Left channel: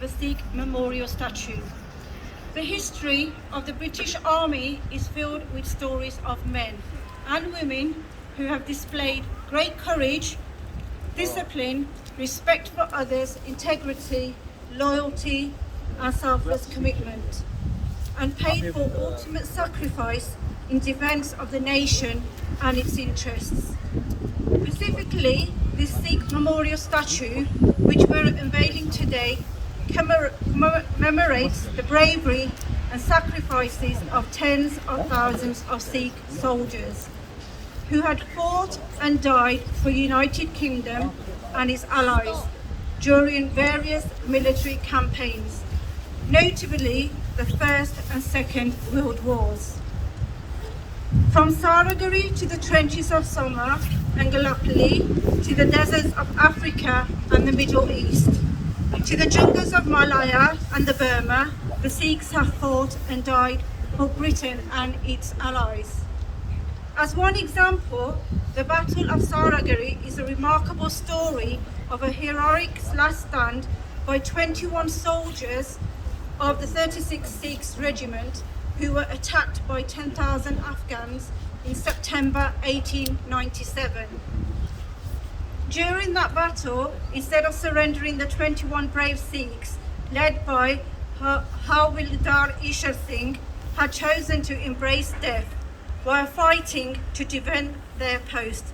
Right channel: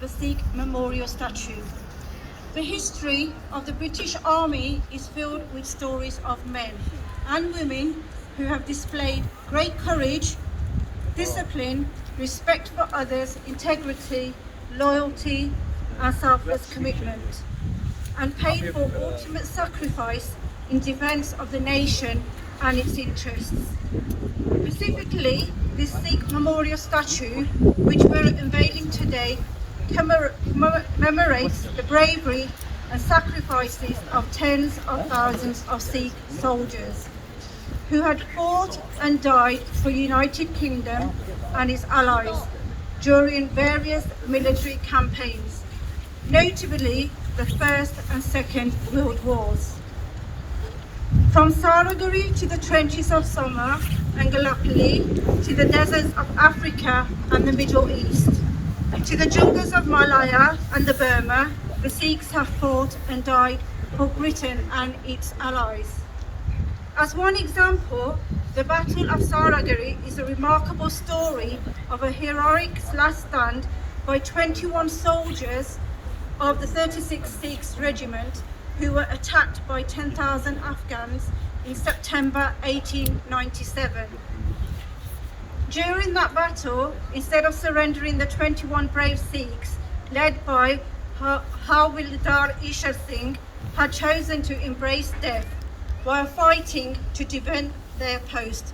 of a Sikh memorial statue. The history of the British Army is filled with stories of men and women who have displayed great courage, discipline, respect for others, integrity, loyalty, and selfless commitment, and paid for ultimate sacrifice in defence of the nation and its interests. Specifically, this Sikh memorial statue, which we're unveiling today, commemorates the bravery and sacrifices of tens of thousands of Sikh soldiers who had fought and died for United Kingdom and its allies during various military campaigns, notably the First and Second World Wars. From Saraguri to the trenches of Soma and Gallipoli, to the deserts of Africa and the Middle East, to the jungles of Malaya and the Burma, the Sikhs have fought and died for Britain and its allies. As one example, the Battle of Saraguri is a remarkable story of a heroic last stand by 21 soldiers of the 36th Sikhs Regiment who were attacked by 10,000 Afghans in September 1897. During that battle, instead of surrendering, the 21 brave Sikhs, led by Havildar Ishar Singh, had chosen to embrace death while fighting to defend their post,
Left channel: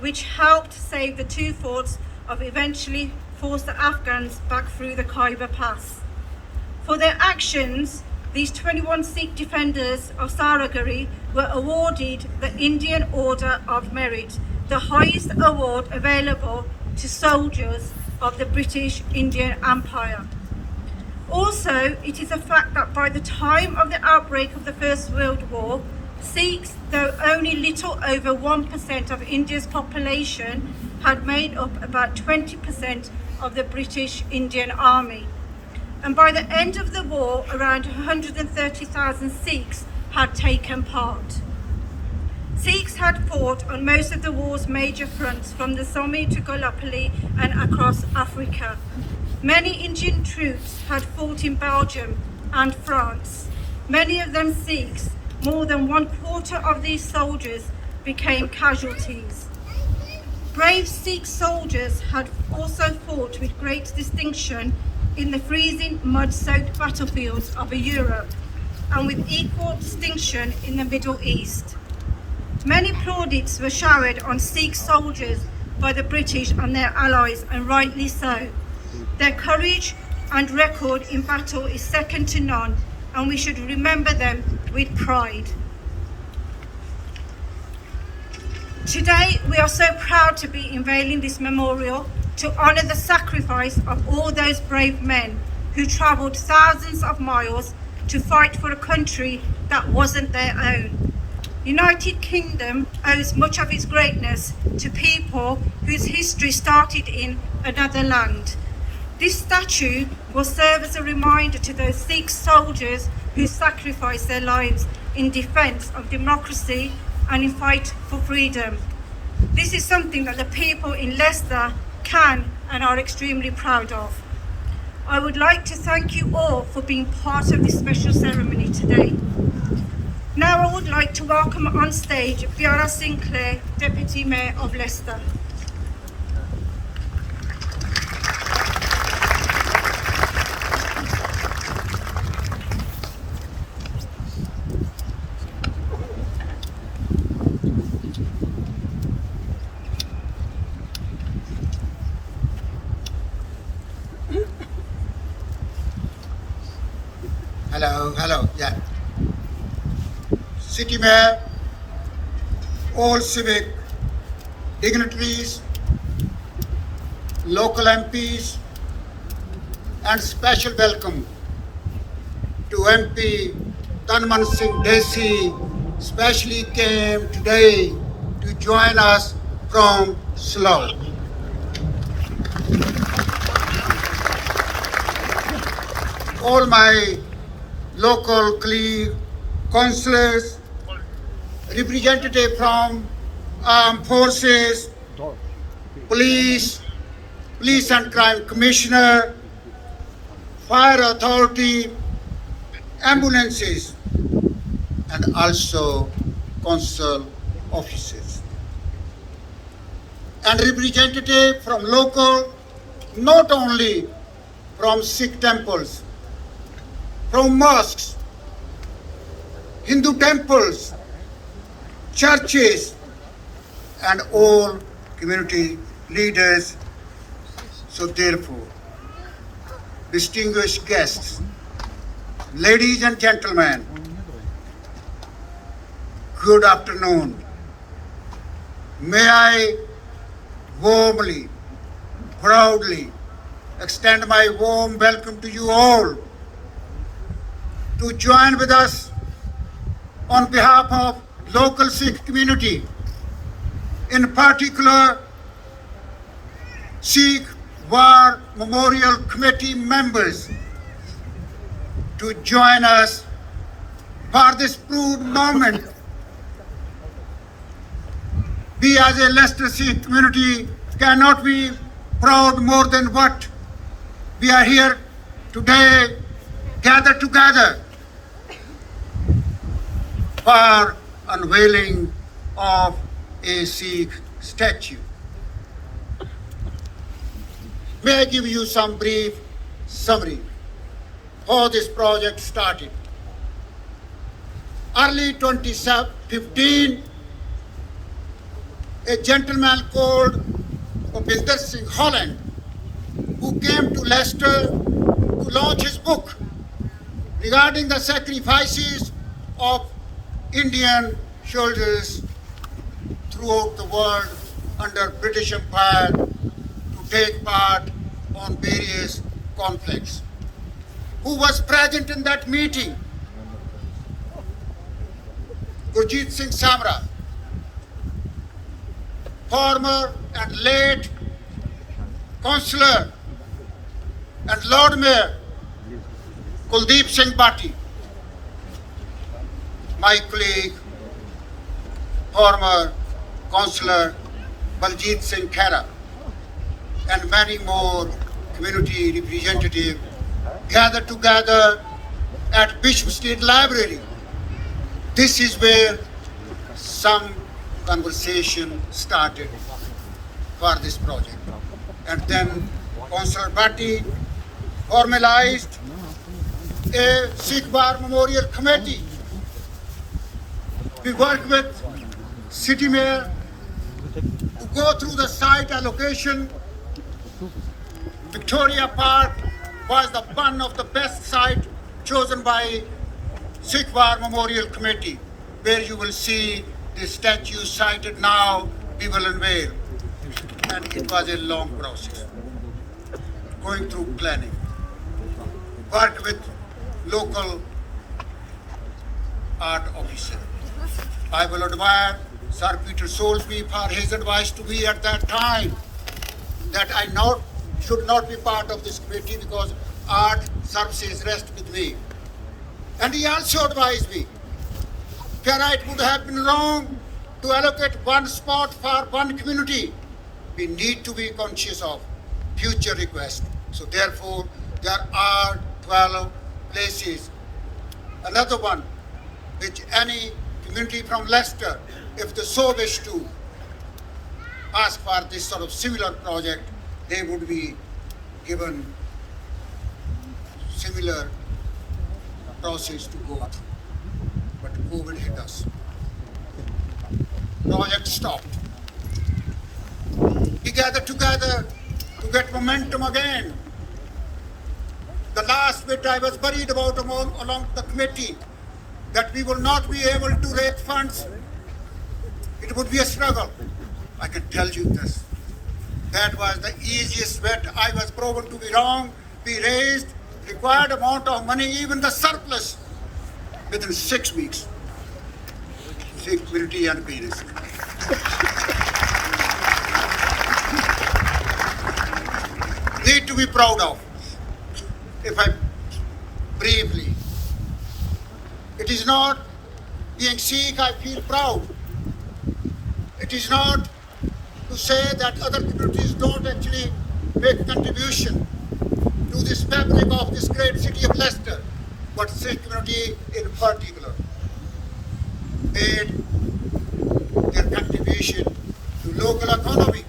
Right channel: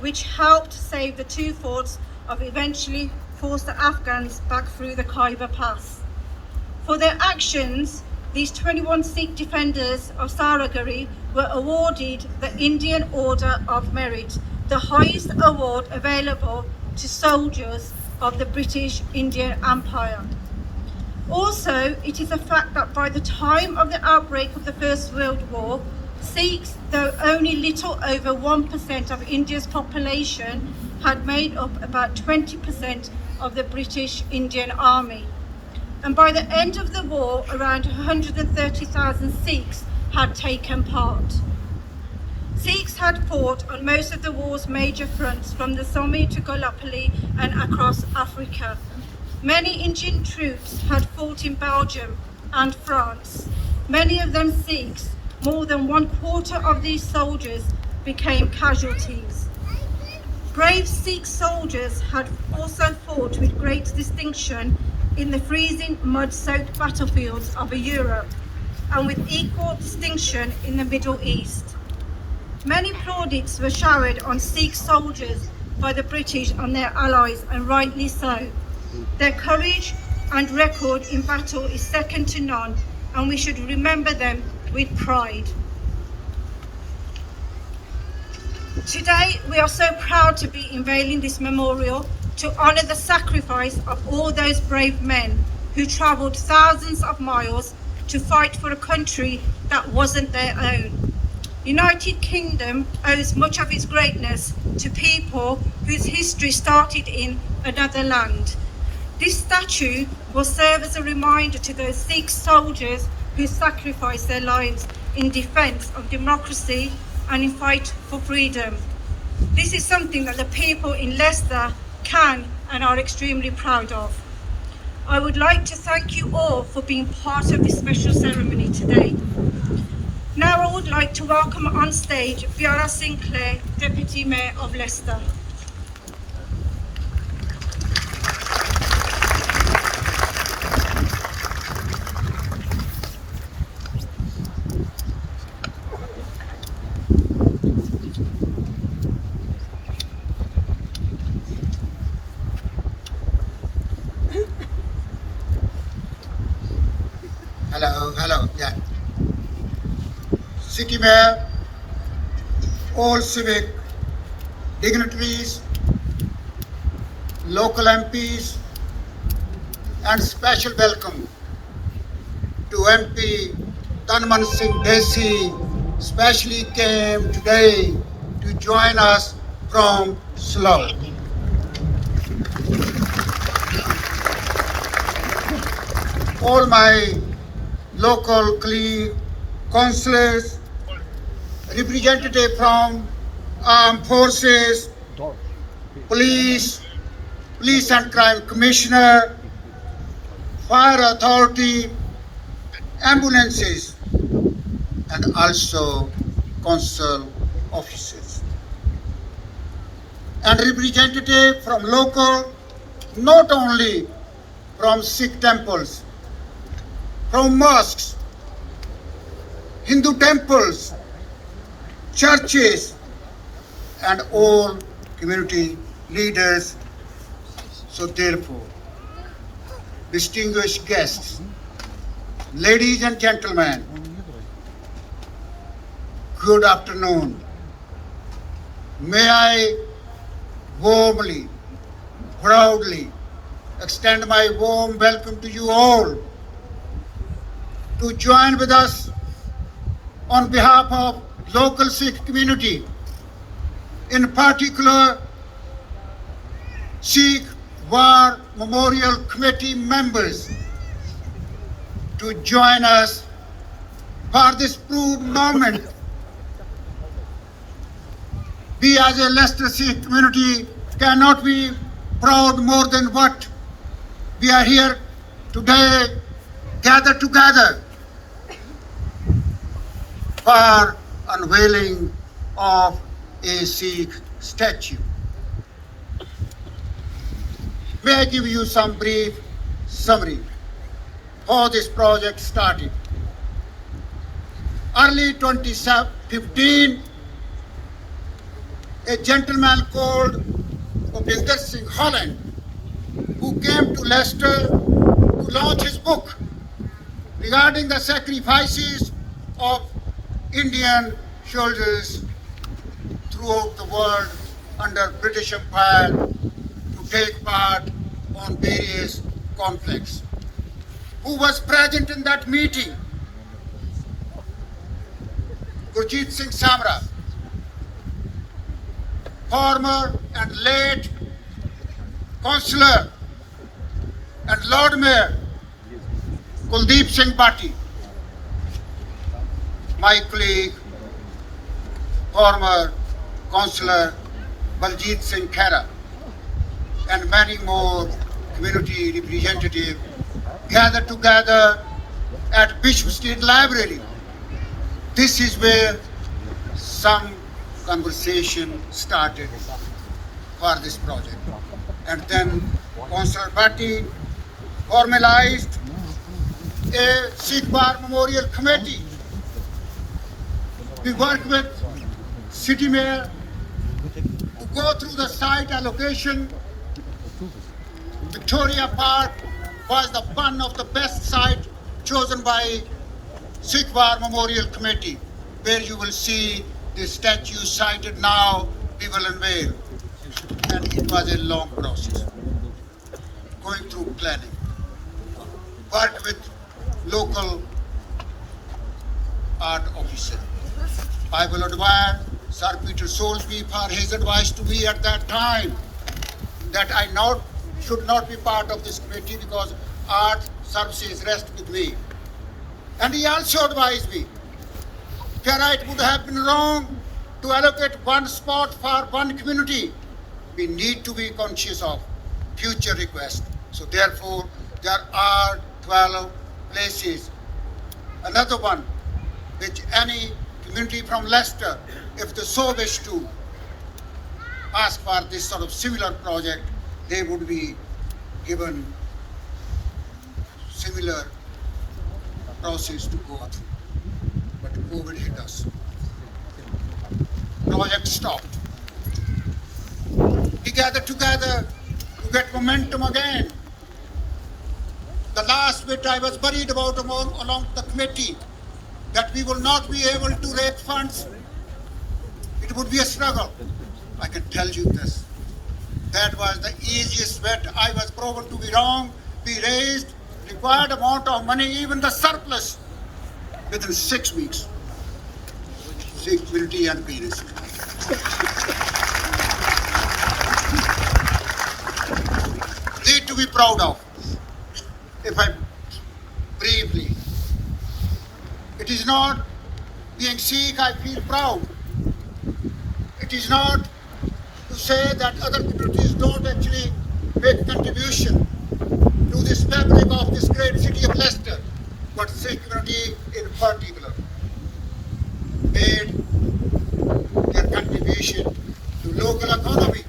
which helped save the two forts of eventually force the Afghans back through the Khyber Pass. For their actions, these 21 Sikh defenders of Saraguri were awarded the Indian Order of Merit, the highest award available to soldiers of the British Indian Empire. Also, it is a fact that by the time of the outbreak of the First World War, Sikhs, though only little over 1% of India's population, had made up about 20% of the British Indian Army. And by the end of the war, around 130,000 Sikhs had taken part. Sikhs had fought on most of the war's major fronts, from the Somme to Gallipoli and across Africa. Many Indian troops had fought in Belgium and France, many of them Sikhs. More than 1/4 of these soldiers became casualties. Brave Sikh soldiers had also fought with great distinction in the freezing, mud-soaked battlefields of Europe, and with equal distinction in the Middle East. Many plaudits were showered on Sikh soldiers by the British and their allies, and rightly so. Their courage and record in battle is second to none, and we should remember them with pride. Today, we are so proud to be unveiling this memorial to honour the sacrifice of all those brave men who travelled thousands of miles to fight for a country that wasn't their own. United Kingdom owes much of its greatness to people whose history started in another land. This statue will serve as a reminder to those Sikh soldiers who sacrificed their lives in defence of democracy and in fight for freedom. This is something that the people in Leicester can and are extremely proud of. I would like to thank you all for being part of this special ceremony today. Now I would like to welcome on stage Fiona Sinclair, Deputy Mayor of Leicester. Hello, yeah. City Mayor, all civic dignitaries, local MPs, and special welcome to MP Tanman Singh Desi, especially came today to join us from Slough. All my local councillors, representative from armed forces, police and crime commissioner, fire authority, ambulances, and also council officers. And representative from local, not only from Sikh temples, from mosques, Hindu temples, churches, and all community leaders. So therefore, distinguished guests, ladies and gentlemen, good afternoon. May I warmly, proudly extend my warm welcome to you all to join with us on behalf of local Sikh community, in particular Sikh War Memorial Committee members, to join us for this proud moment. We as a Leicester Sikh community cannot be proud more than what we are here today, gathered together for unveiling of a Sikh statue. May I give you some brief summary how this project started. Early 2015, a gentleman called Bhupinder Singh Holland, who came to Leicester to launch his book regarding the sacrifices of Indian soldiers throughout the world under British Empire to take part on various conflicts. Who was present in that meeting? Gurjeet Singh Samra, former and late councillor and Lord Mayor Kuldeep Singh Bhatti, my colleague, former councillor Baljit Singh Khera, and many more community representatives gathered together at Bishop Street Library. This is where some conversation started for this project. And then Councillor Bhatti formalized a Sikh War Memorial Committee. We worked with City Mayor to go through the site allocation. Victoria Park was the one of the best site chosen by Sikh War Memorial Committee, where you will see the statue sited now, we will unveil. And it was a long process, going through planning. Worked with local art officer. I will admire Sir Peter Soulsby for his advice to me at that time that I should not be part of this committee because art services rest with me. And he also advised me that it would have been wrong to allocate one spot for one community. We need to be conscious of future requests. So therefore, there are 12 places. Another one, which any community from Leicester, if they so wish to ask for this sort of similar project, they would be given similar process to go through. But COVID hit us. Project stopped. We gathered together to get momentum again. The last bit I was worried about along the committee, that we will not be able to raise funds. It would be a struggle. I can tell you this. That was the easiest bet. I was proven to be wrong. We raised required amount of money, even the surplus, within 6 weeks. Security and peace. Need to be proud of. If I briefly, it is not being Sikh, I feel proud. It is not to say that other communities don't actually make contribution to this fabric of this great great city of Leicester, but Sikh community in particular made their contribution to local economy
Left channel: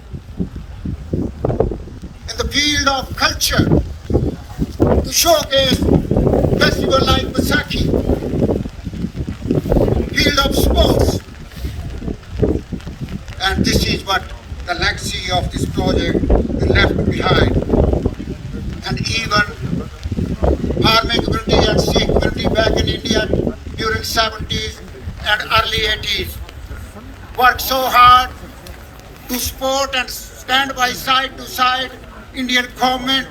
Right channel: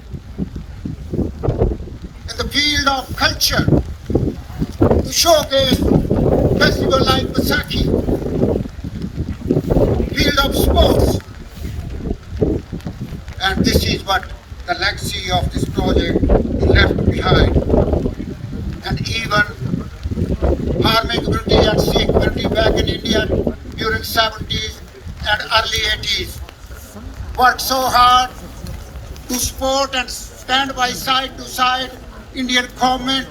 in the field of culture to showcase festival like Vaisakhi, field of sports. And this is what the legacy of this project we left behind. And even farming community and Sikh community back in India during 70s and early 80s worked so hard to support and stand by side to side Indian government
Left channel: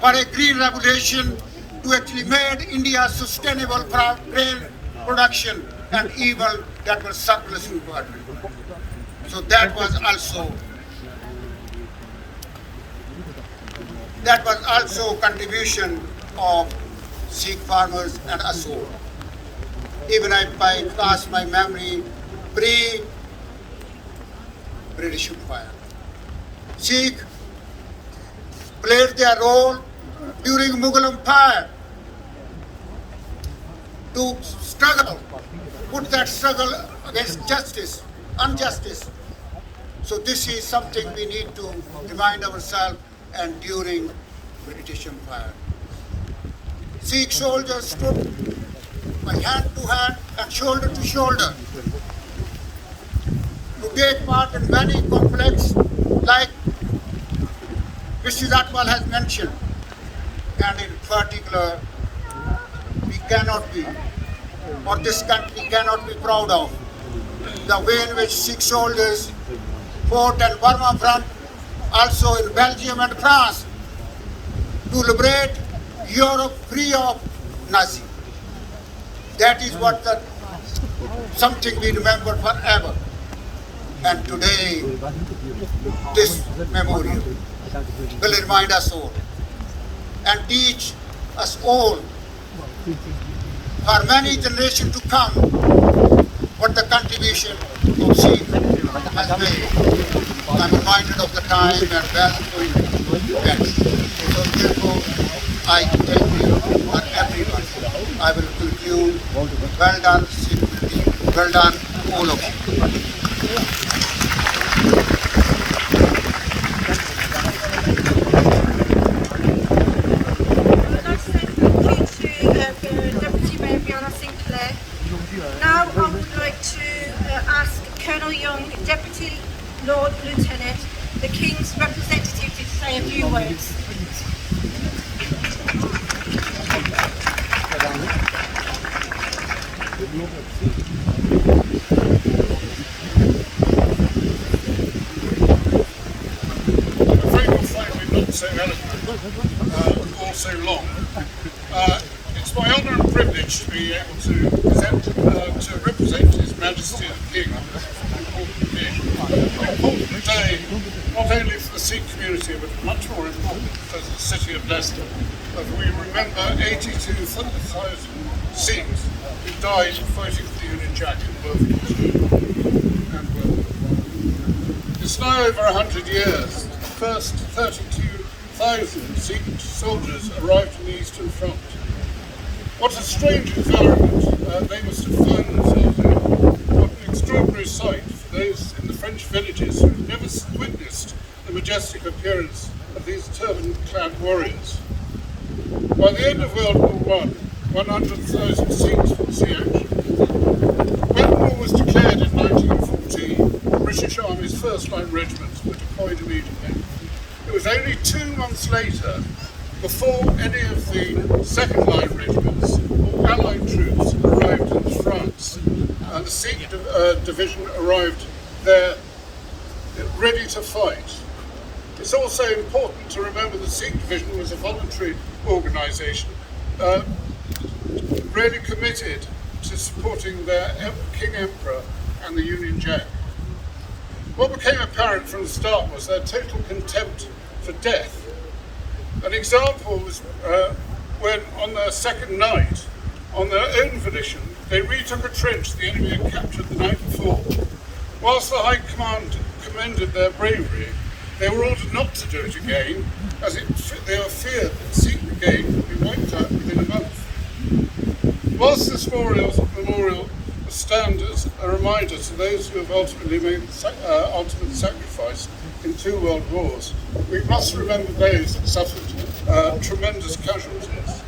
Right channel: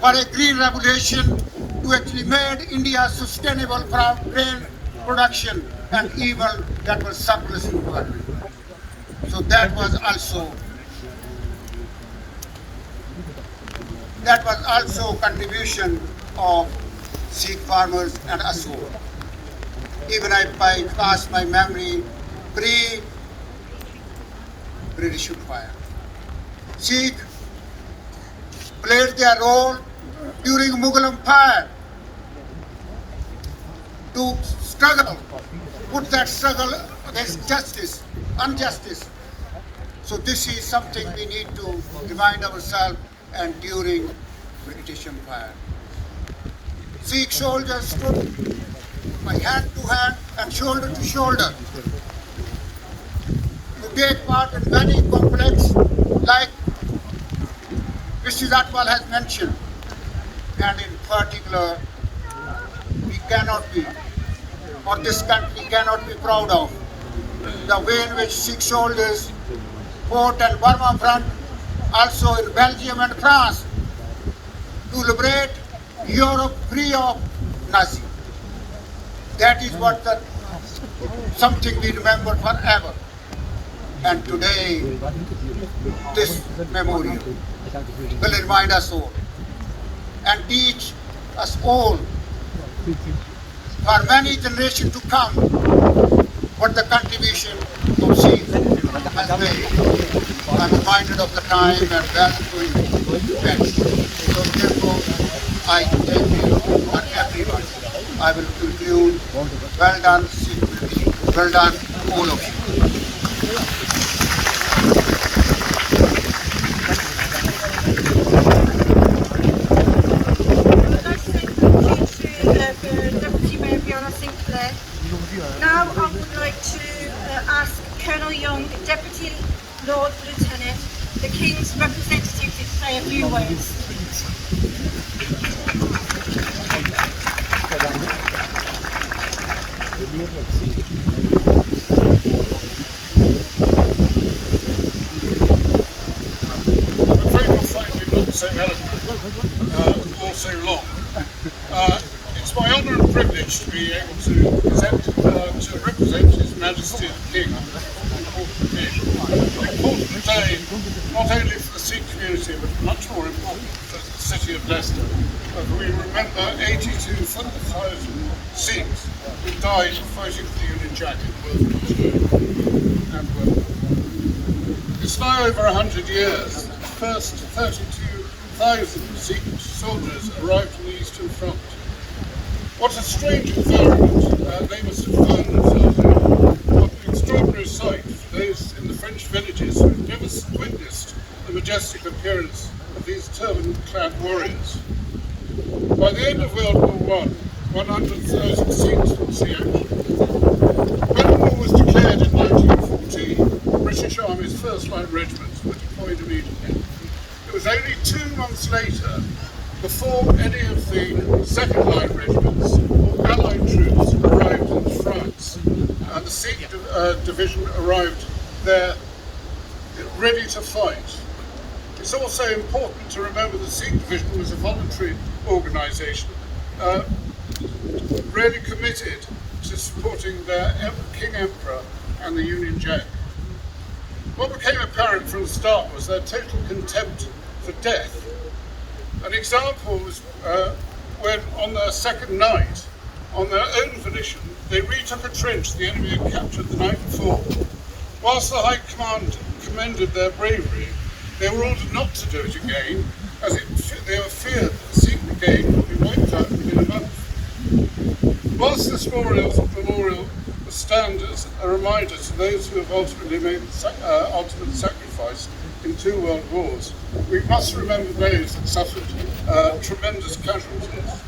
for a green revolution to actually made India sustainable grain production and even that was surplus in the country. So that was also contribution of Sikh farmers and us all. Even if I pass my memory pre-British Empire, Sikh played their role during Mughal Empire to struggle, put that struggle against injustice. So this is something we need to remind ourselves and during British Empire. Sikh soldiers stood by hand to hand and shoulder to shoulder to take part in many conflicts like Mr. Zatwal has mentioned. And in particular, we cannot be, or this country cannot be proud of, the way in which Sikh soldiers fought at Burma front, also in Belgium and France, to liberate Europe free of Nazi. That is what something we remember forever. And today, this memorial will remind us all and teach us all for many generations to come what the contribution of Sikh has made. I'm reminded of the time and value events. Therefore, I thank you for everyone. I will conclude. Well done, Sikh community. Well done, all of you. Now I would like to ask Colonel Young, Deputy Lord Lieutenant, the King's representative, to say a few words. Not so eloquent or so long. It's my honour and privilege to be able to represent His Majesty the King on this important day. An important day not only for the Sikh community but much more important for the city of Leicester. We remember 82,000 Sikhs who died fighting for the Union Jack in World War II and World War I. It's now over 100 years. The first 32,000 Sikh soldiers arrived in the Eastern Front. What a strange environment they must have found themselves in. What an extraordinary sight for those in the French villages who had never witnessed the majestic appearance of these turban-clad warriors. By the end of World War I, 100,000 Sikhs would see action. When the war was declared in 1914, the British Army's first-line regiments were deployed immediately. It was only 2 months later before any of the second-line regiments or Allied troops arrived in France, and the Sikh division arrived there ready to fight. It's also important to remember the Sikh division was a voluntary organisation, really committed to supporting their King Emperor and the Union Jack. What became apparent from the start was their total contempt for death. An example was when on their second night, on their own volition, they retook a trench the enemy had captured the night before. Whilst the High Command commended their bravery, they were ordered not to do it again, as they were feared that Sikh again would be wiped out within a month. Whilst this memorial stand as a reminder to those who have ultimately made the ultimate sacrifice in 2 world wars, we must remember those that suffered tremendous casualties.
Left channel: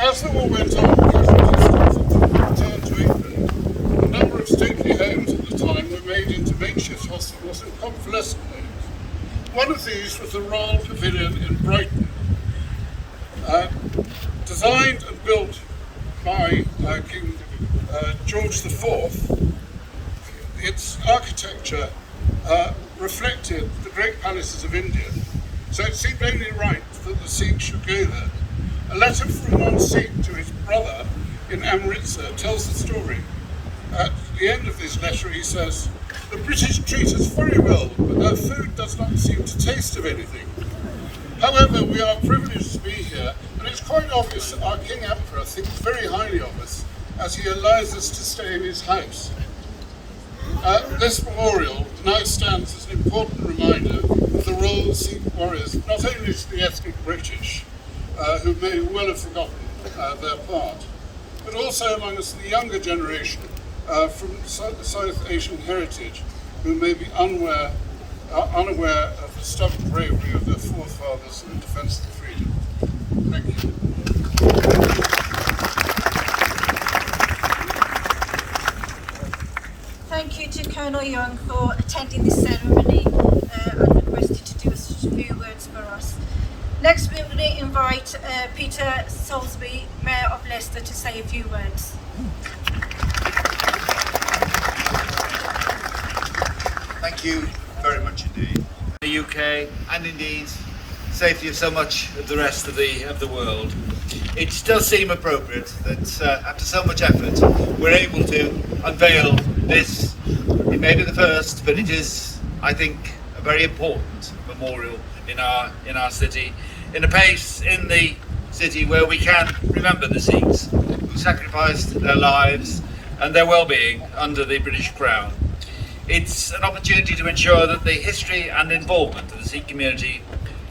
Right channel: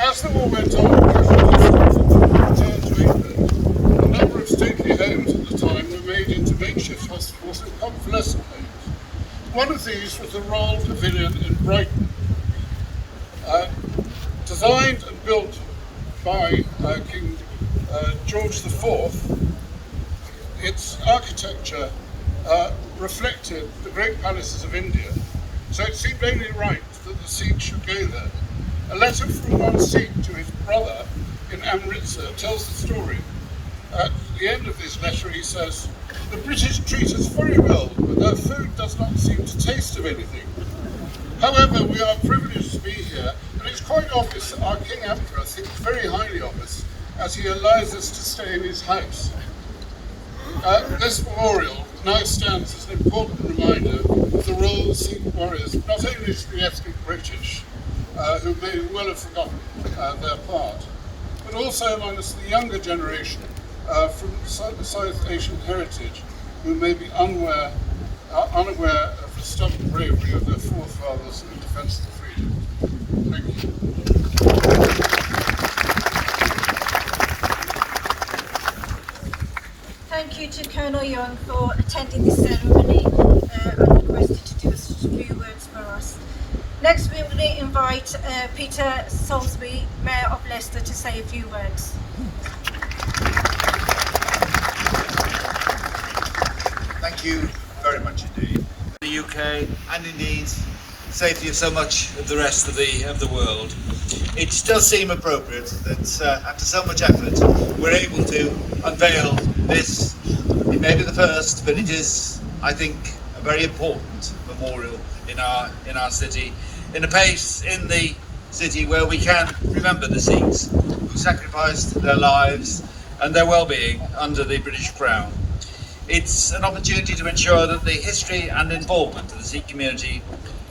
As the war went on, casualties returned to England. A number of stately homes at the time were made into makeshift hospitals and convalescent homes. One of these was the Royal Pavilion in Brighton. Designed and built by King George IV, its architecture reflected the great palaces of India, so it seemed only right that the Sikhs should go there. A letter from one Sikh to his brother in Amritsar tells the story. At the end of this letter he says, "The British treat us very well, but their food does not seem to taste of anything. However, we are privileged to be here, and it's quite obvious that our King Emperor thinks very highly of us as he allows us to stay in his house." This memorial now stands as an important reminder of the role of Sikh warriors, not only to the ethnic British, who may well have forgotten their part, but also amongst the younger generation from South Asian heritage, who may be unaware of the stubborn bravery of their forefathers in defence of freedom. Thank you. Thank you to Colonel Young for attending this ceremony and requested to do a few words for us. Next, we will invite Peter Soulsby, Mayor of Leicester, to say a few words. Thank you very much indeed. The UK and indeed safely so much of the rest of the world. It does seem appropriate that after so much effort we're able to unveil this. It may be the first, but it is, I think, a very important memorial in our city, in a place in the city where we can remember the Sikhs who sacrificed their lives and their well-being under the British Crown. It's an opportunity to ensure that the history and involvement of the Sikh community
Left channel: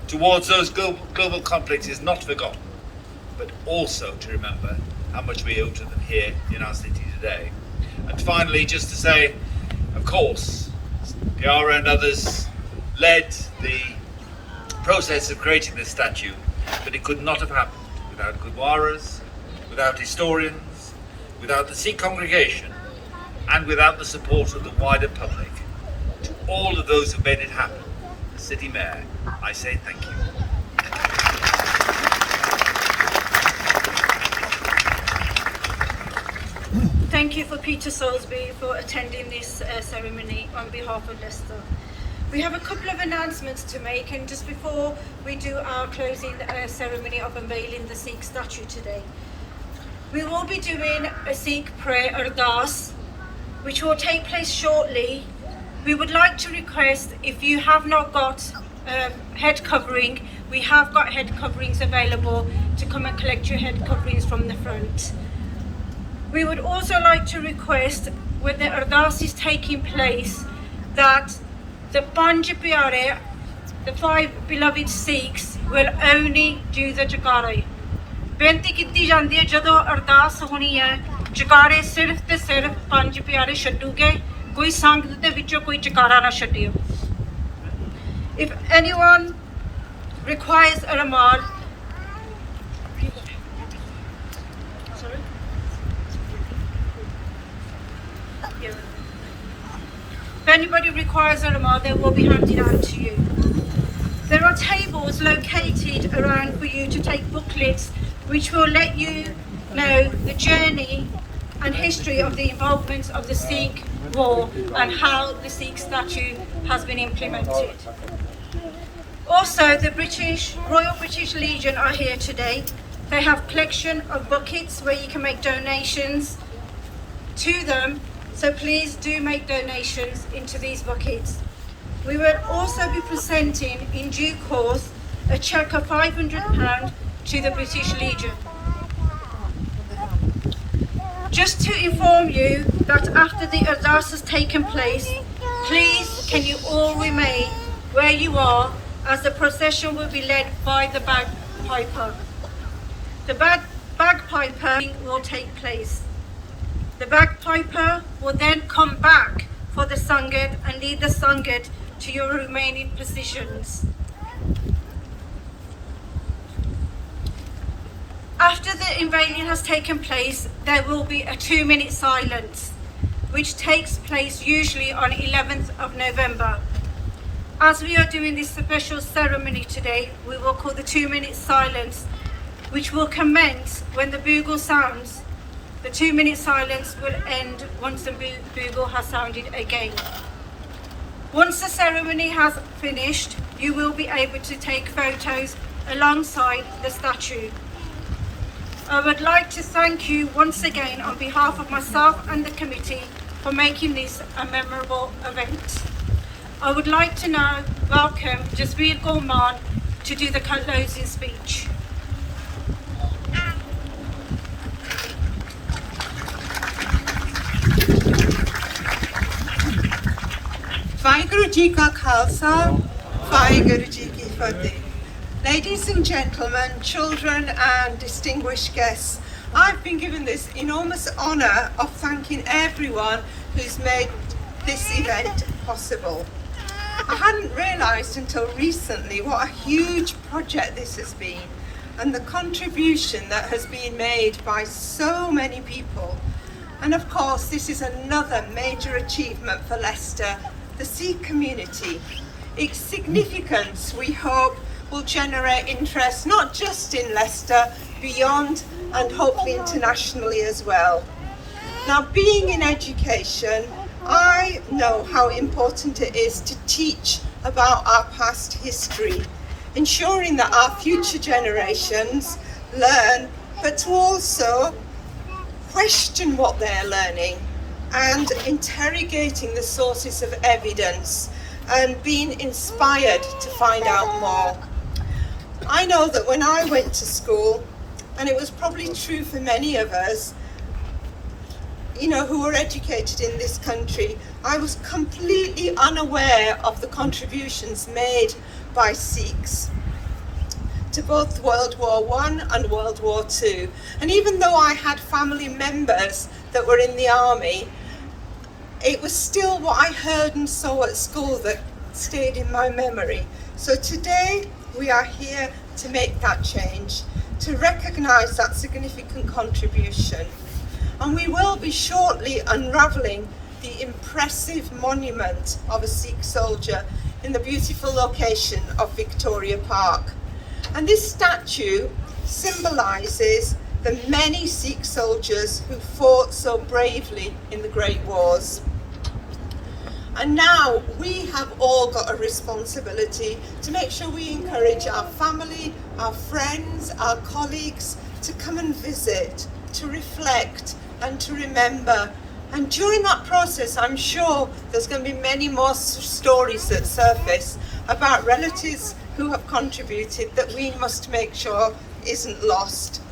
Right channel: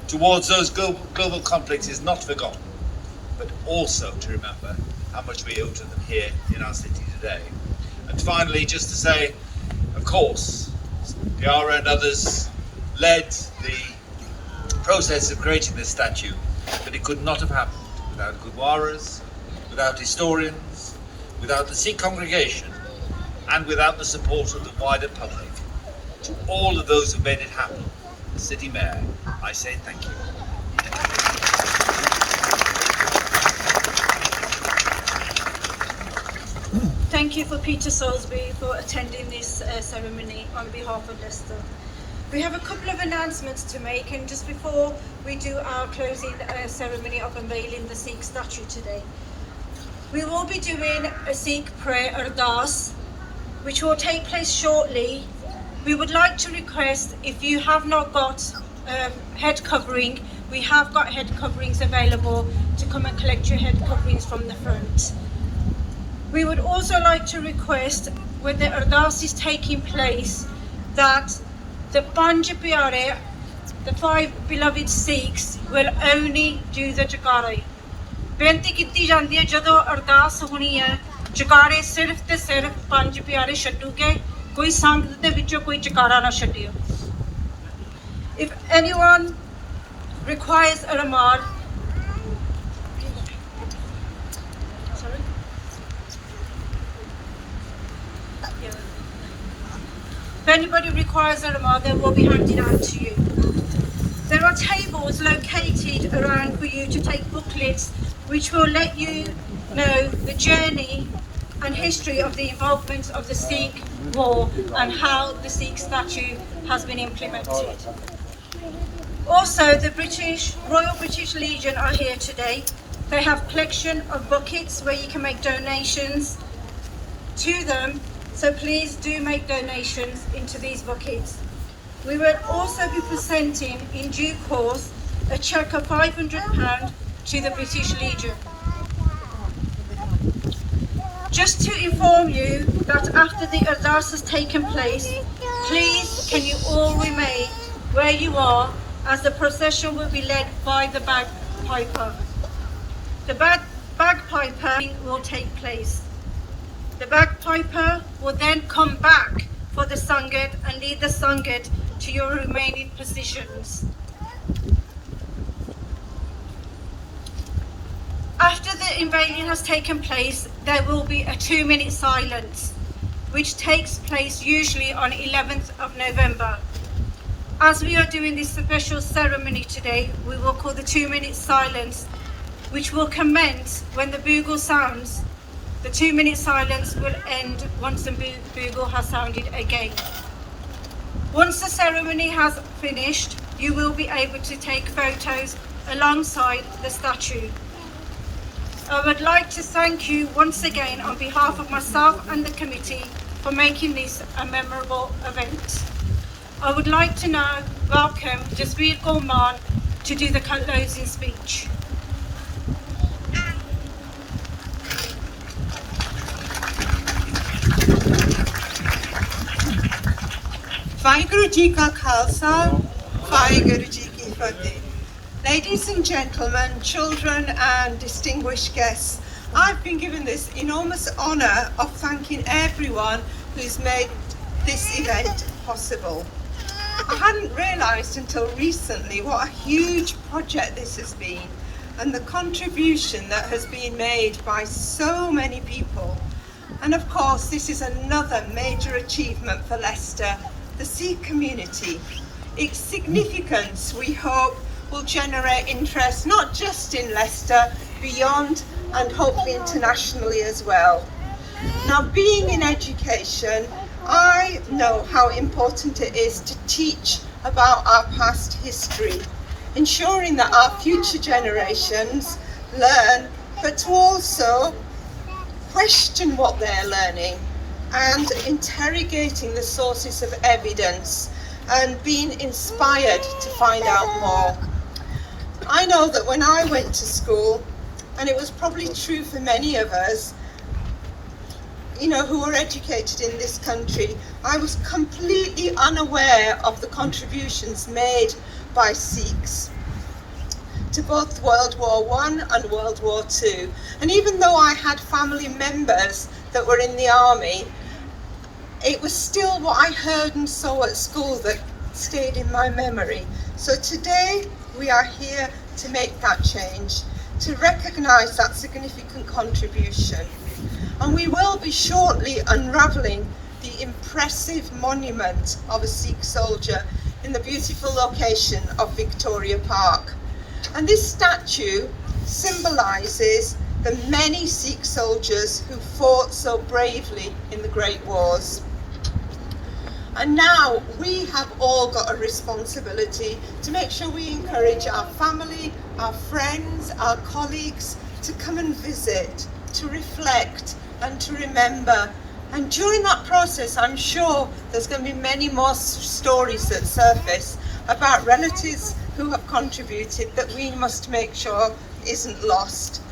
towards those global conflicts is not forgotten, but also to remember how much we owe to them here in our city today. And finally, just to say, of course, Yara and others led the process of creating this statue, but it could not have happened without Gurdwaras, without historians, without the Sikh congregation, and without the support of the wider public. To all of those who made it happen, the City Mayor, I say thank you. Thank you for Peter Soulsby for attending this ceremony on behalf of Leicester. We have a couple of announcements to make, and just before we do our closing ceremony of unveiling the Sikh statue today, we will be doing a Sikh prayer ardas, which will take place shortly. We would like to request, if you have not got head covering, we have got head coverings available to come and collect your head coverings from the front. We would also like to request, when the ardas is taking place, that the Panj Pyare, the 5 beloved Sikhs, will only do the Jagare. ਬੇਨਤੀ ਕੀਤੀ ਜਾਂਦੀ ਹੈ ਜਦੋਂ ਅਰਦਾਸ ਹੋਣੀ ਹੈ ਜਕਾਰੇ ਸਿਰਫ ਤੇ ਸਿਰਫ 5 ਪਿਆਰੇ ਛੱਡੂਗੇ, ਕੋਈ ਸੰਗਤ ਦੇ ਵਿੱਚੋਂ ਕੋਈ ਜਕਾਰਾ ਨਾ ਛੱਡਿਓ. If anyone requires a ramal, if anybody requires a ramal, they will be handed out to you. There are tables located around for you to take booklets which will let you know the journey and history of the involvement of the Sikh war and how the Sikh statue has been implemented. Also, the Royal British Legion are here today. They have collection of buckets where you can make donations to them, so please do make donations into these buckets. We will also be presenting in due course a cheque of £500 to the British Legion. Just to inform you that after the ardas has taken place, please can you all remain where you are, as the procession will be led by the bagpiper. The bagpiper will take place. The bagpiper will then come back for the Sangat and lead the Sangat to your remaining positions. After the unveiling has taken place, there will be a 2-minute silence, which takes place usually on 11th of November. As we are doing this special ceremony today, we will call the 2-minute silence, which will commence when the bugle sounds. The 2-minute silence will end once the bugle has sounded again. Once the ceremony has finished, you will be able to take photos alongside the statue. I would like to thank you once again on behalf of myself and the committee for making this a memorable event. I would like to now welcome Jasbir Gorman to do the closing speech. Vaheguru Ji Ka Khalsa, Vaheguru Ji Ki Fateh. Ladies and gentlemen, children and distinguished guests, I've been given this enormous honour of thanking everyone who's made this event possible. I hadn't realised until recently what a huge project this has been and the contribution that has been made by so many people. And of course, this is another major achievement for Leicester, the Sikh community. Its significance, we hope, will generate interest not just in Leicester, beyond and hopefully internationally as well. Now, being in education, I know how important it is to teach about our past history, ensuring that our future generations learn, but to also question what they're learning and interrogating the sources of evidence and being inspired to find out more. I know that when I went to school, and it was probably true for many of us, who were educated in this country, I was completely unaware of the contributions made by Sikhs to both World War I and World War II. And even though I had family members that were in the army, it was still what I heard and saw at school that stayed in my memory. So today we are here to make that change, to recognise that significant contribution. And we will be shortly unravelling the impressive monument of a Sikh soldier in the beautiful location of Victoria Park. And this statue symbolises the many Sikh soldiers who fought so bravely in the Great Wars. And now we have all got a responsibility to make sure we encourage our family, our friends, our colleagues to come and visit, to reflect and to remember. And during that process, I'm sure there's going to be many more stories that surface about relatives who have contributed that we must make sure isn't lost.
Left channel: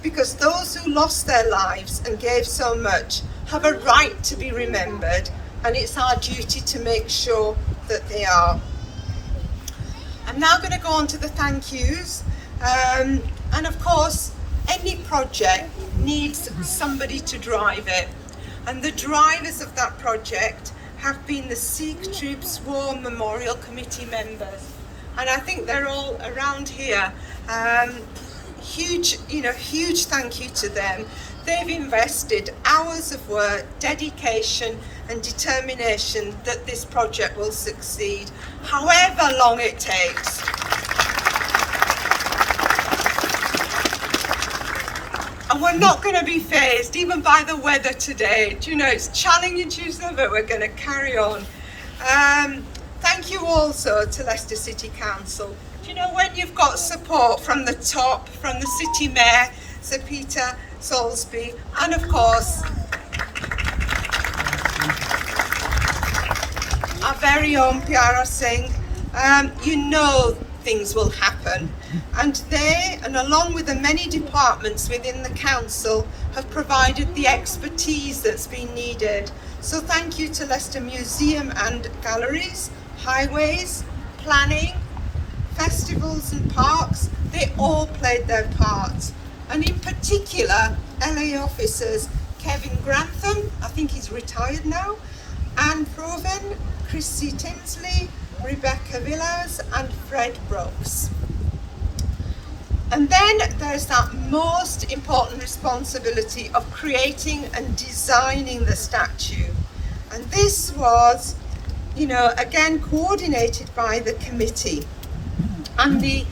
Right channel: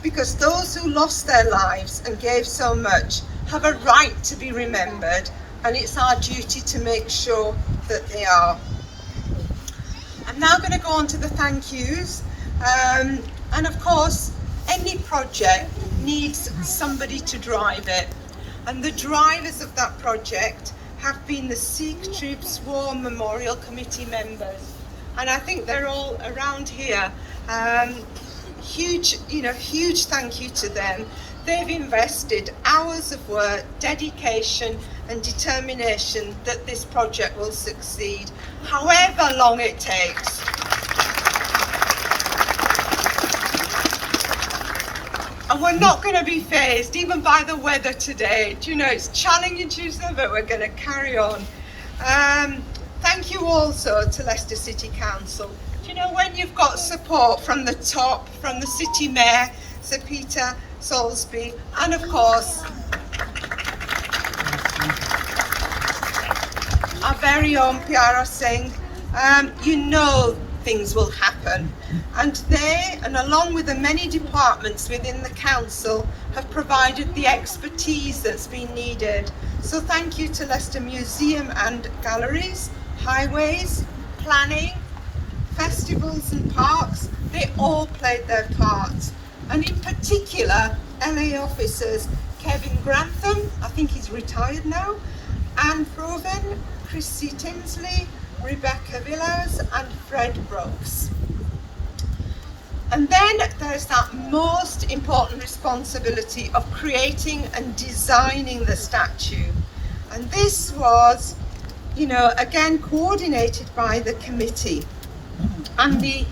Because those who lost their lives and gave so much have a right to be remembered, and it's our duty to make sure that they are. I'm now going to go on to the thank yous. And of course, any project needs somebody to drive it. And the drivers of that project have been the Sikh Troops War Memorial Committee members. And I think they're all around here. Huge thank you to them. They've invested hours of work, dedication and determination that this project will succeed, however long it takes. And we're not going to be fazed even by the weather today. It's challenging Tuesday, but we're going to carry on. Thank you also to Leicester City Council. When you've got support from the top, from the City Mayor, Sir Peter Salisbury, and of course, our very own Pyara Singh, things will happen. And they, and along with the many departments within the council, have provided the expertise that's been needed. So thank you to Leicester Museum and Galleries, Highways, Planning, Festivals and Parks, they all played their part. And in particular, LA officers Kevin Grantham, I think he's retired now, Anne Proven, Chrissy Tinsley, Rebecca Villas, and Fred Brooks. And then there's that most important responsibility of creating and designing the statue. And this was, again, coordinated by the committee. And the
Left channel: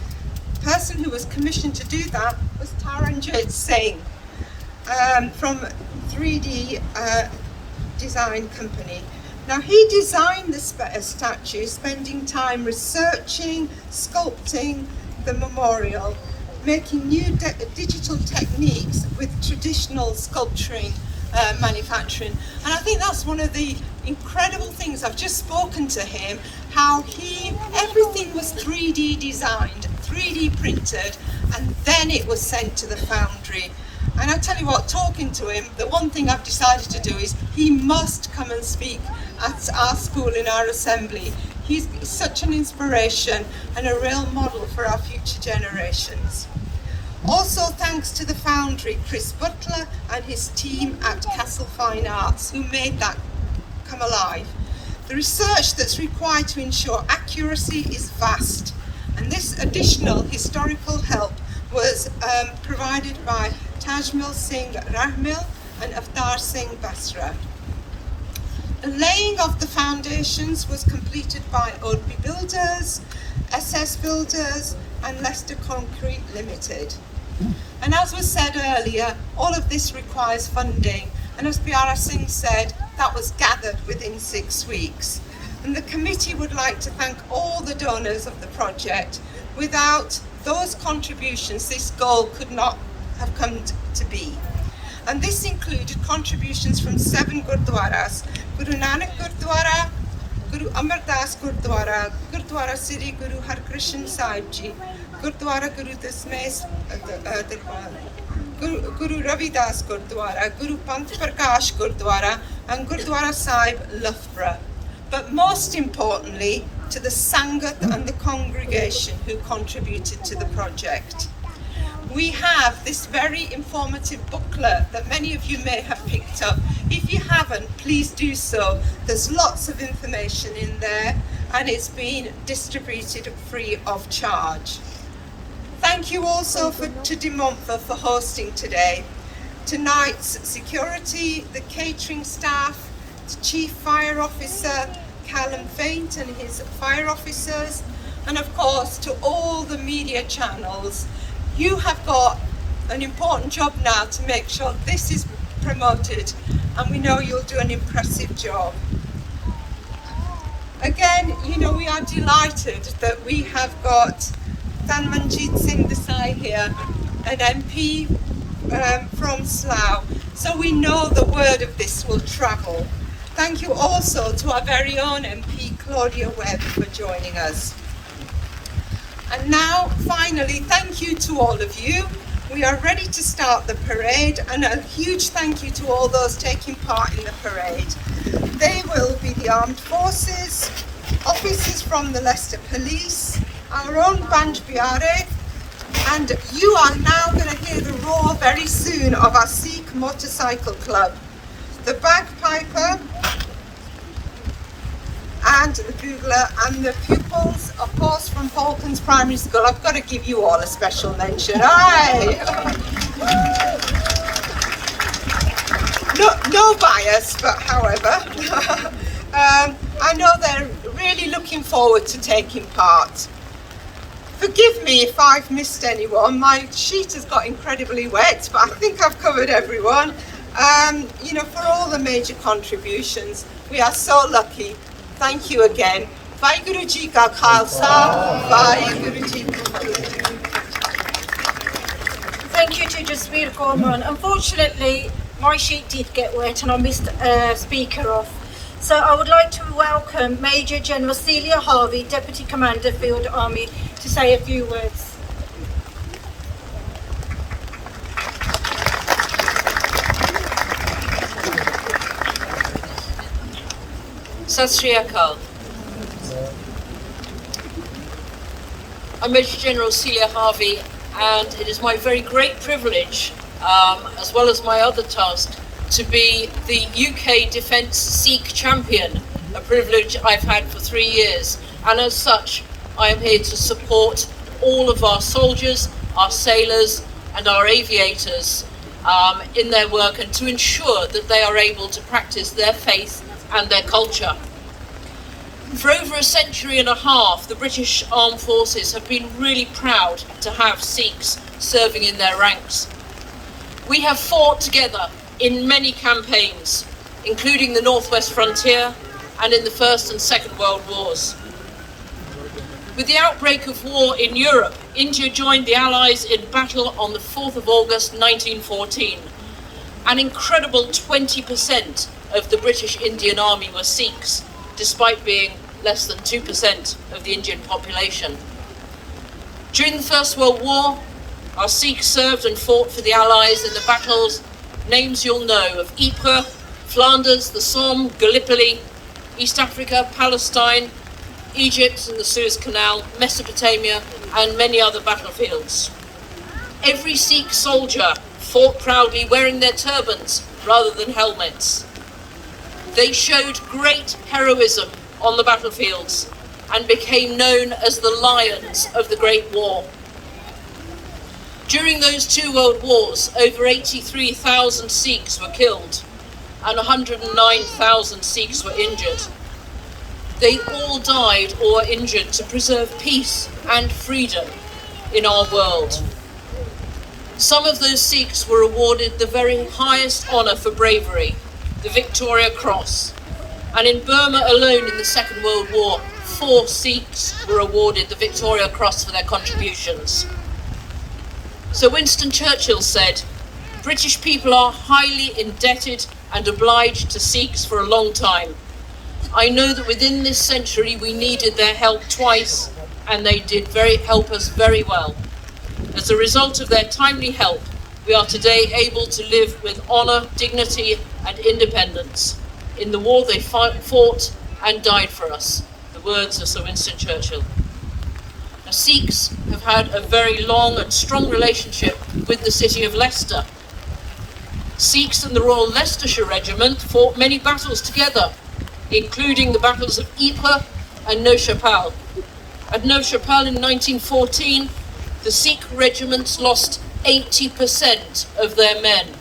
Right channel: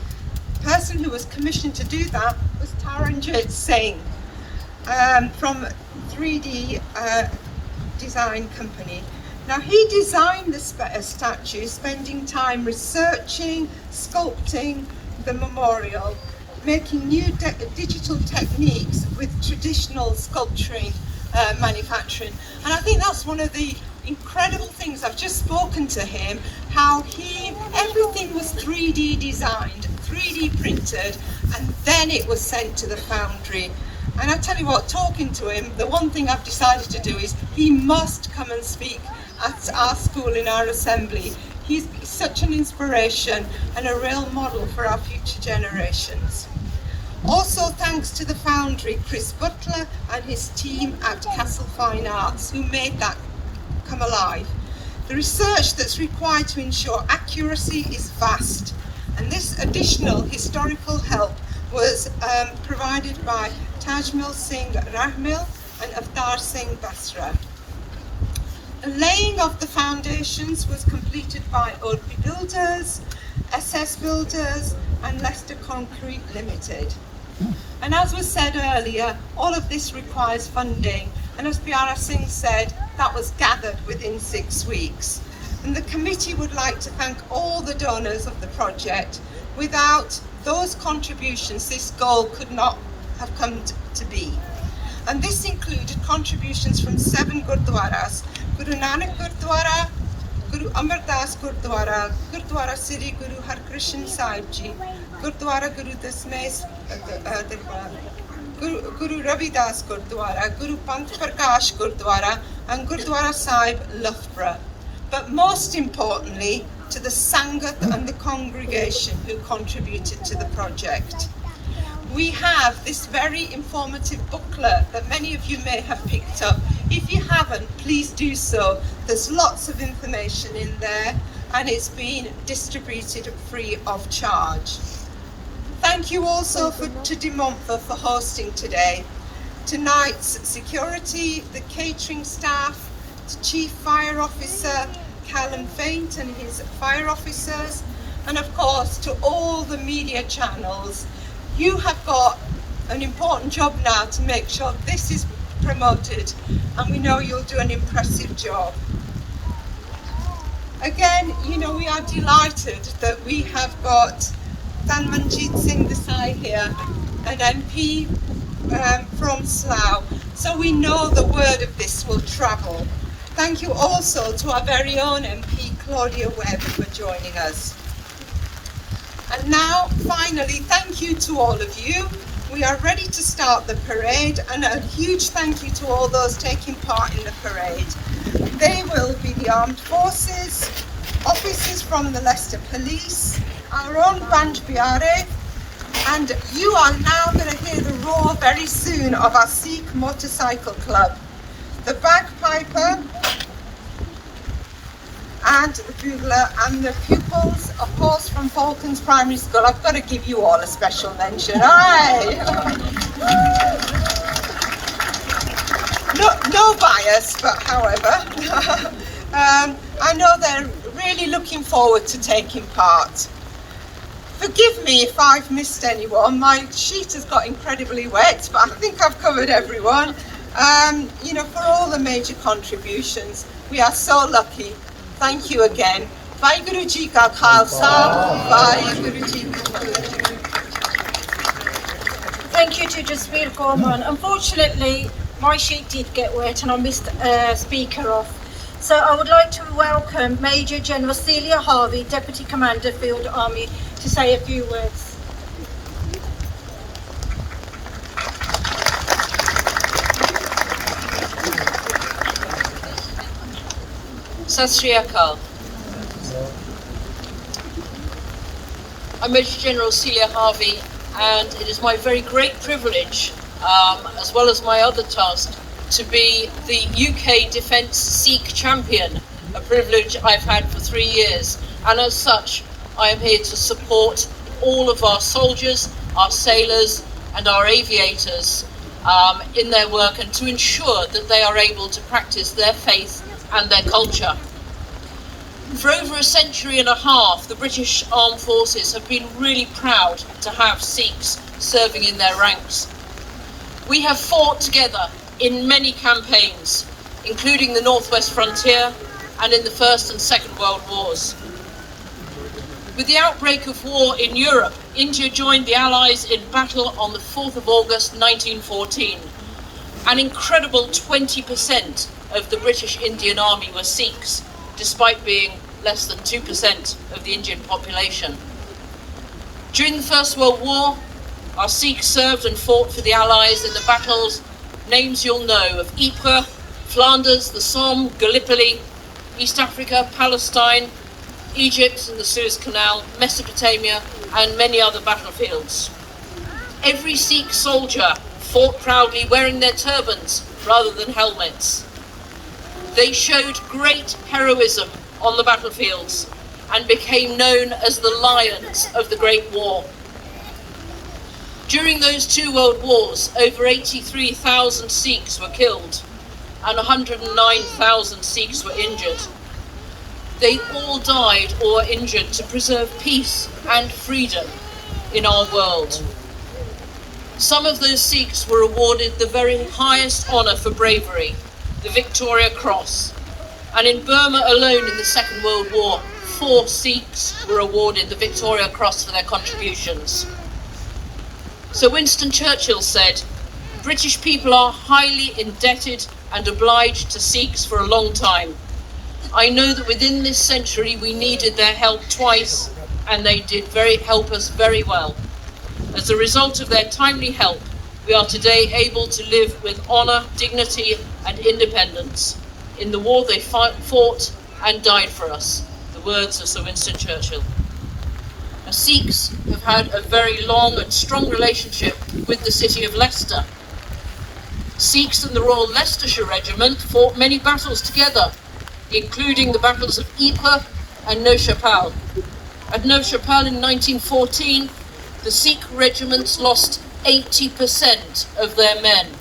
person who was commissioned to do that was Taranjit Singh from 3D Design Company. Now, he designed this statue, spending time researching, sculpting the memorial, making new digital techniques with traditional sculpturing manufacturing. And I think that's one of the incredible things. I've just spoken to him, how everything was 3D designed, 3D printed, and then it was sent to the foundry. And I tell you what, talking to him, the one thing I've decided to do is he must come and speak at our school in our assembly. He's such an inspiration and a real model for our future generations. Also thanks to the foundry, Chris Butler and his team at Castle Fine Arts, who made that come alive. The research that's required to ensure accuracy is vast, and this additional historical help was provided by Tajmal Singh Rahmil and Avtar Singh Basra. The laying of the foundations was completed by Odby Builders, SS Builders, and Leicester Concrete Limited. And as was said earlier, all of this requires funding, and as Biara Singh said, that was gathered within 6 weeks. And the committee would like to thank all the donors of the project. Without those contributions, this goal could not have come to be. And this included contributions from 7 Gurdwaras: Guru Nanak Gurdwara, Guru Amar Das Gurdwara, Gurdwara Sri Guru Harkrishan Sahib Ji, Gurdwara Guru Dasmes Guru Ravidas Gurdwara, Guru Pant Prakash Gurdwara, and Gurdwara Sahib Loughborough. But most importantly, to the Sangat and the congregation who contributed to the project. We have this very informative booklet that many of you may have picked up. If you haven't, please do so. There's lots of information in there, and it's been distributed free of charge. Thank you also to De Montfort for hosting today. Tonight's security, the catering staff, the Chief Fire Officer, Callum Faint and his fire officers, and of course to all the media channels. You have got an important job now to make sure this is promoted, and we know you'll do an impressive job. Again, we are delighted that we have got Dhanmanjit Singh Desai here, an MP from Slough, so we know the word of this will travel. Thank you also to our very own MP, Claudia Webb, for joining us. And now, finally, thank you to all of you. We are ready to start the parade, and a huge thank you to all those taking part in the parade. They will be the armed forces, officers from the Leicester Police, our own band Biare, and you are now going to hear the roar very soon of our Sikh Motorcycle Club. The bagpiper and the bugler and the pupils, of course, from Falcons Primary School. I've got to give you all a special mention. Aye. No bias, but however, I know they're really looking forward to taking part. Forgive me if I've missed anyone. My sheet has got incredibly wet, but I think I've covered everyone. For all the major contributions, we are so lucky. Thank you again. Vaheguru Ji Ka Khalsa, Vaheguru Ji Ki Fateh. Thank you to Jasveer Gorman. Unfortunately, my sheet did get wet and I missed a speaker off. So I would like to welcome Major General Celia Harvey, Deputy Commander Field Army, to say a few words. Sat Sri Akal. I'm Major General Celia Harvey, and it is my very great privilege, as well as my other task, to be the UK Defence Sikh Champion, a privilege I've had for 3 years, and as such I am here to support all of our soldiers, our sailors and our aviators in their work, and to ensure that they are able to practice their faith and their culture. For over a century and a half, the British Armed Forces have been really proud to have Sikhs serving in their ranks. We have fought together in many campaigns, including the Northwest Frontier and in the First and Second World Wars. With the outbreak of war in Europe, India joined the Allies in battle on the 4th of August 1914. An incredible 20% of the British Indian Army were Sikhs, despite being less than 2% of the Indian population. During the First World War, our Sikhs served and fought for the Allies in the battles, names you'll know, of Ypres, Flanders, the Somme, Gallipoli, East Africa, Palestine, Egypt and the Suez Canal, Mesopotamia and many other battlefields. Every Sikh soldier fought proudly wearing their turbans rather than helmets. They showed great heroism on the battlefields and became known as the Lions of the Great War. During those 2 world wars, over 83,000 Sikhs were killed and 109,000 Sikhs were injured. They all died or were injured to preserve peace and freedom in our world. Some of those Sikhs were awarded the very highest honour for bravery, the Victoria Cross. And in Burma alone in the Second World War, 4 Sikhs were awarded the Victoria Cross for their contributions. So Winston Churchill said, "British people are highly indebted and obliged to Sikhs for a long time. I know that within this century we needed their help twice, and they did help us very well. As a result of their timely help, we are today able to live with honour, dignity and independence. In the war they fought and died for us." The words of Sir Winston Churchill. Now, Sikhs have had a very long and strong relationship with the city of Leicester. Sikhs in the Royal Leicestershire Regiment fought many battles together, including the battles of Ypres and Neuchâtel. At Neuchâtel in 1914, the Sikh regiments lost 80% of their men.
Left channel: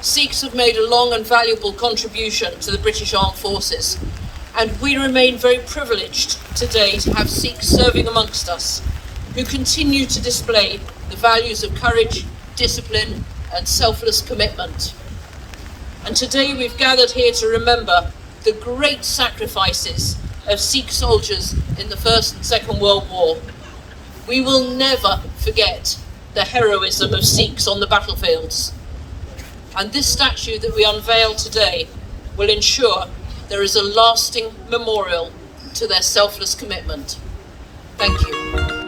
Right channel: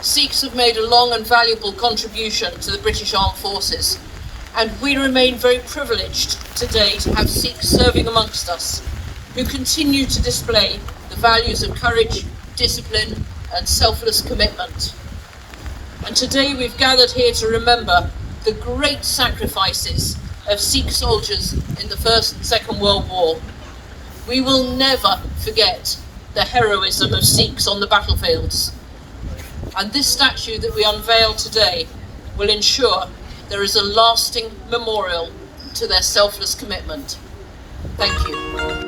Sikhs have made a long and valuable contribution to the British Armed Forces, and we remain very privileged today to have Sikhs serving amongst us, who continue to display the values of courage, discipline and selfless commitment. And today we've gathered here to remember the great sacrifices of Sikh soldiers in the First and Second World War. We will never forget the heroism of Sikhs on the battlefields. And this statue that we unveil today will ensure there is a lasting memorial to their selfless commitment. Thank you.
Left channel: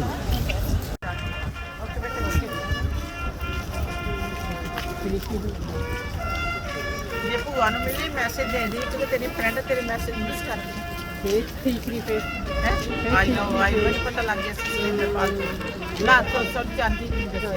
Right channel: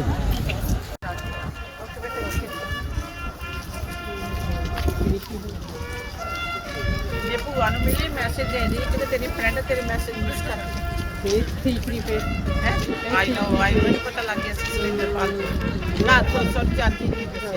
ਜੇ ਭੂਆ ਨੂੰ ਮਿਲੀ message ਦੇ ਦੇ ਕਿ ਤੇਰੀ friend ਤੇਰੇ message miss ਕਰ ਗਈ ਠੀਕ ਫਰੀ ਫੇ ਹੈ ਆਈ ਨੋ ਮੈਨੂੰ ਪਤਾ ਲੱਗ ਗਿਆ ਸੀ ਮੇਰੇ ਪਾਸ ਨਾ ਤੋਂ ਸਭ ਜਾਂਦੀ ਨਹੀਂ ਦੱਸਿਆ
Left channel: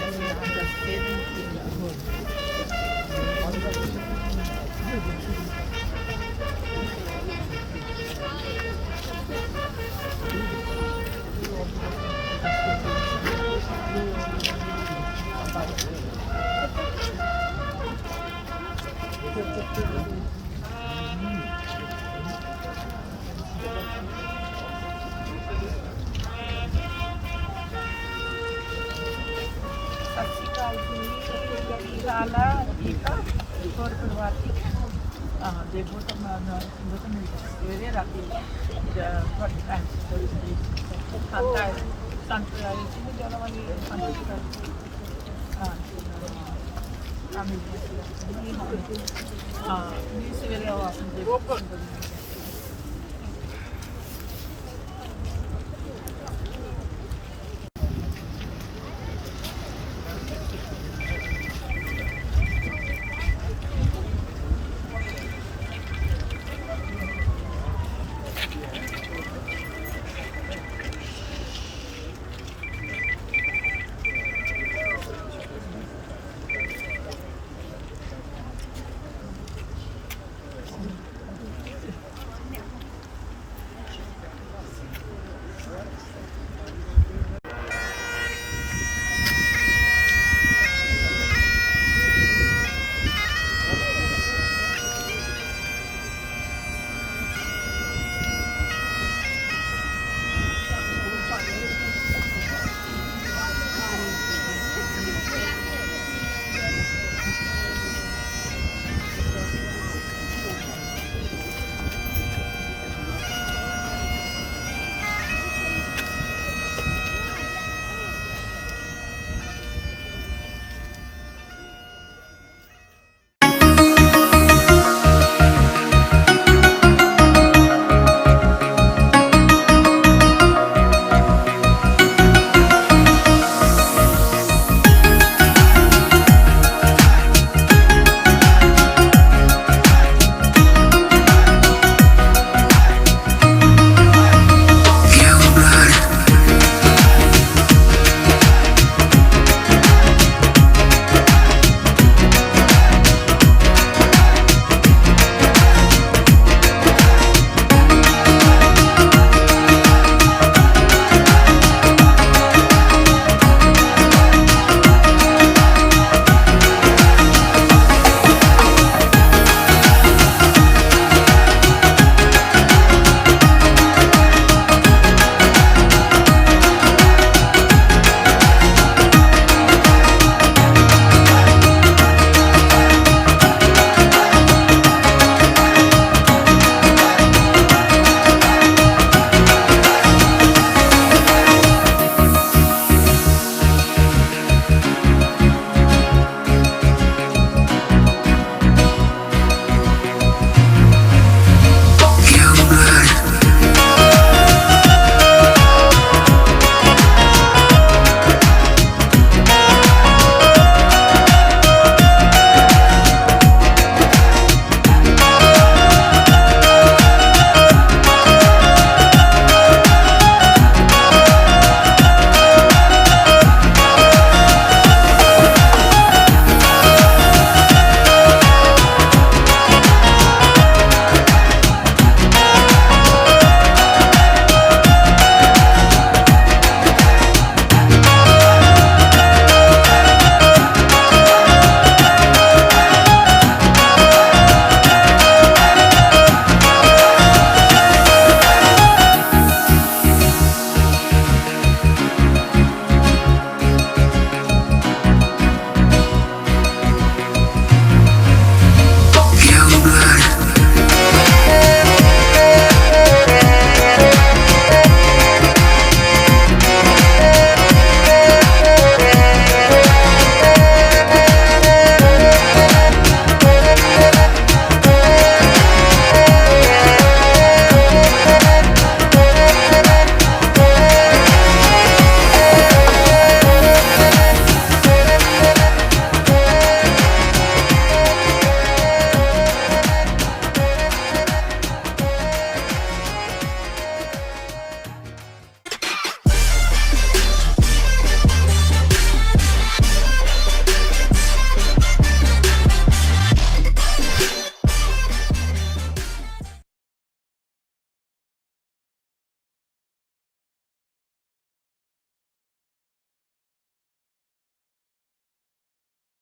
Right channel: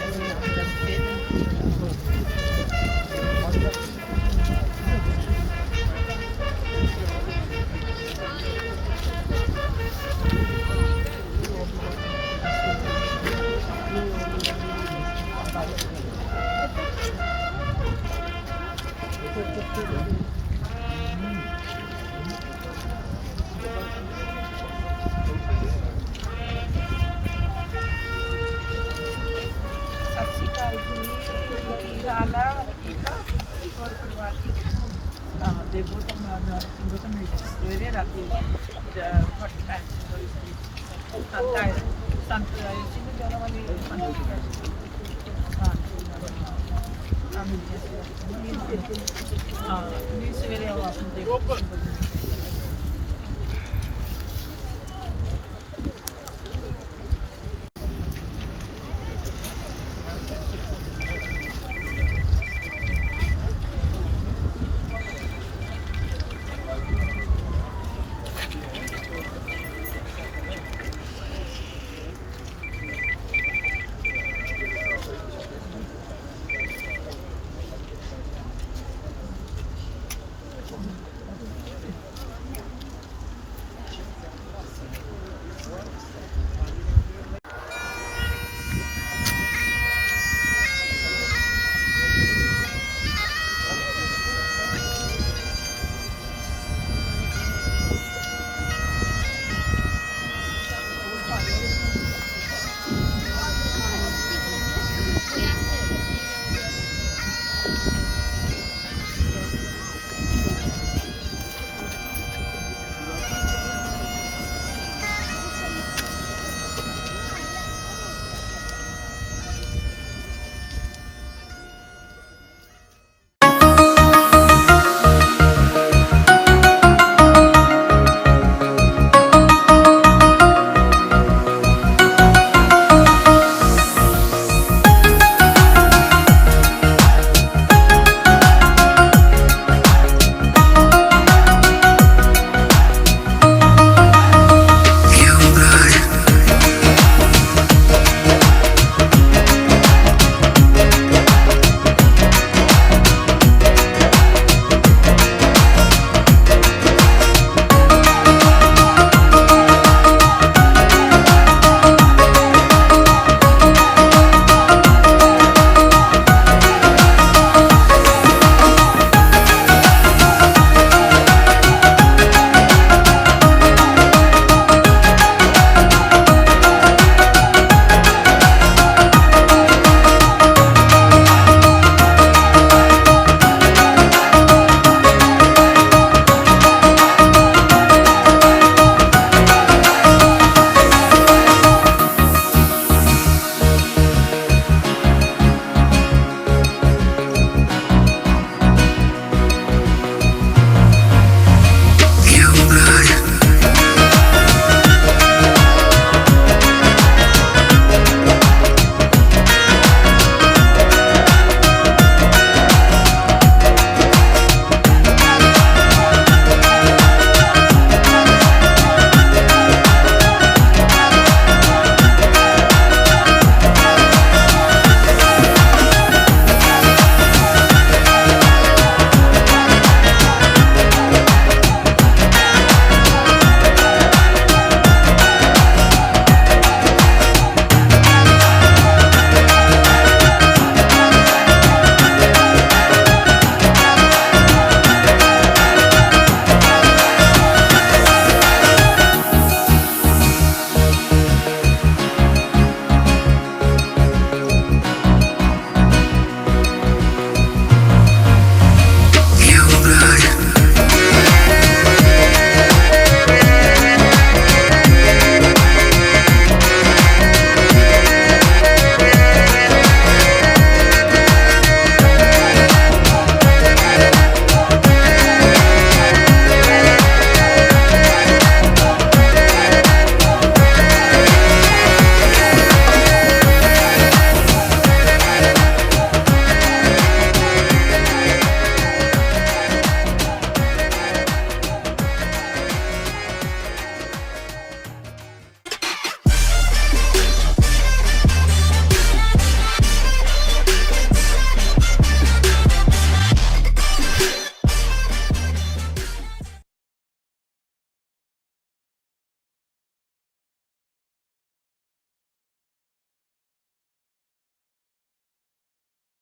ਸਵੇਰੇ ਆਵਾਜ਼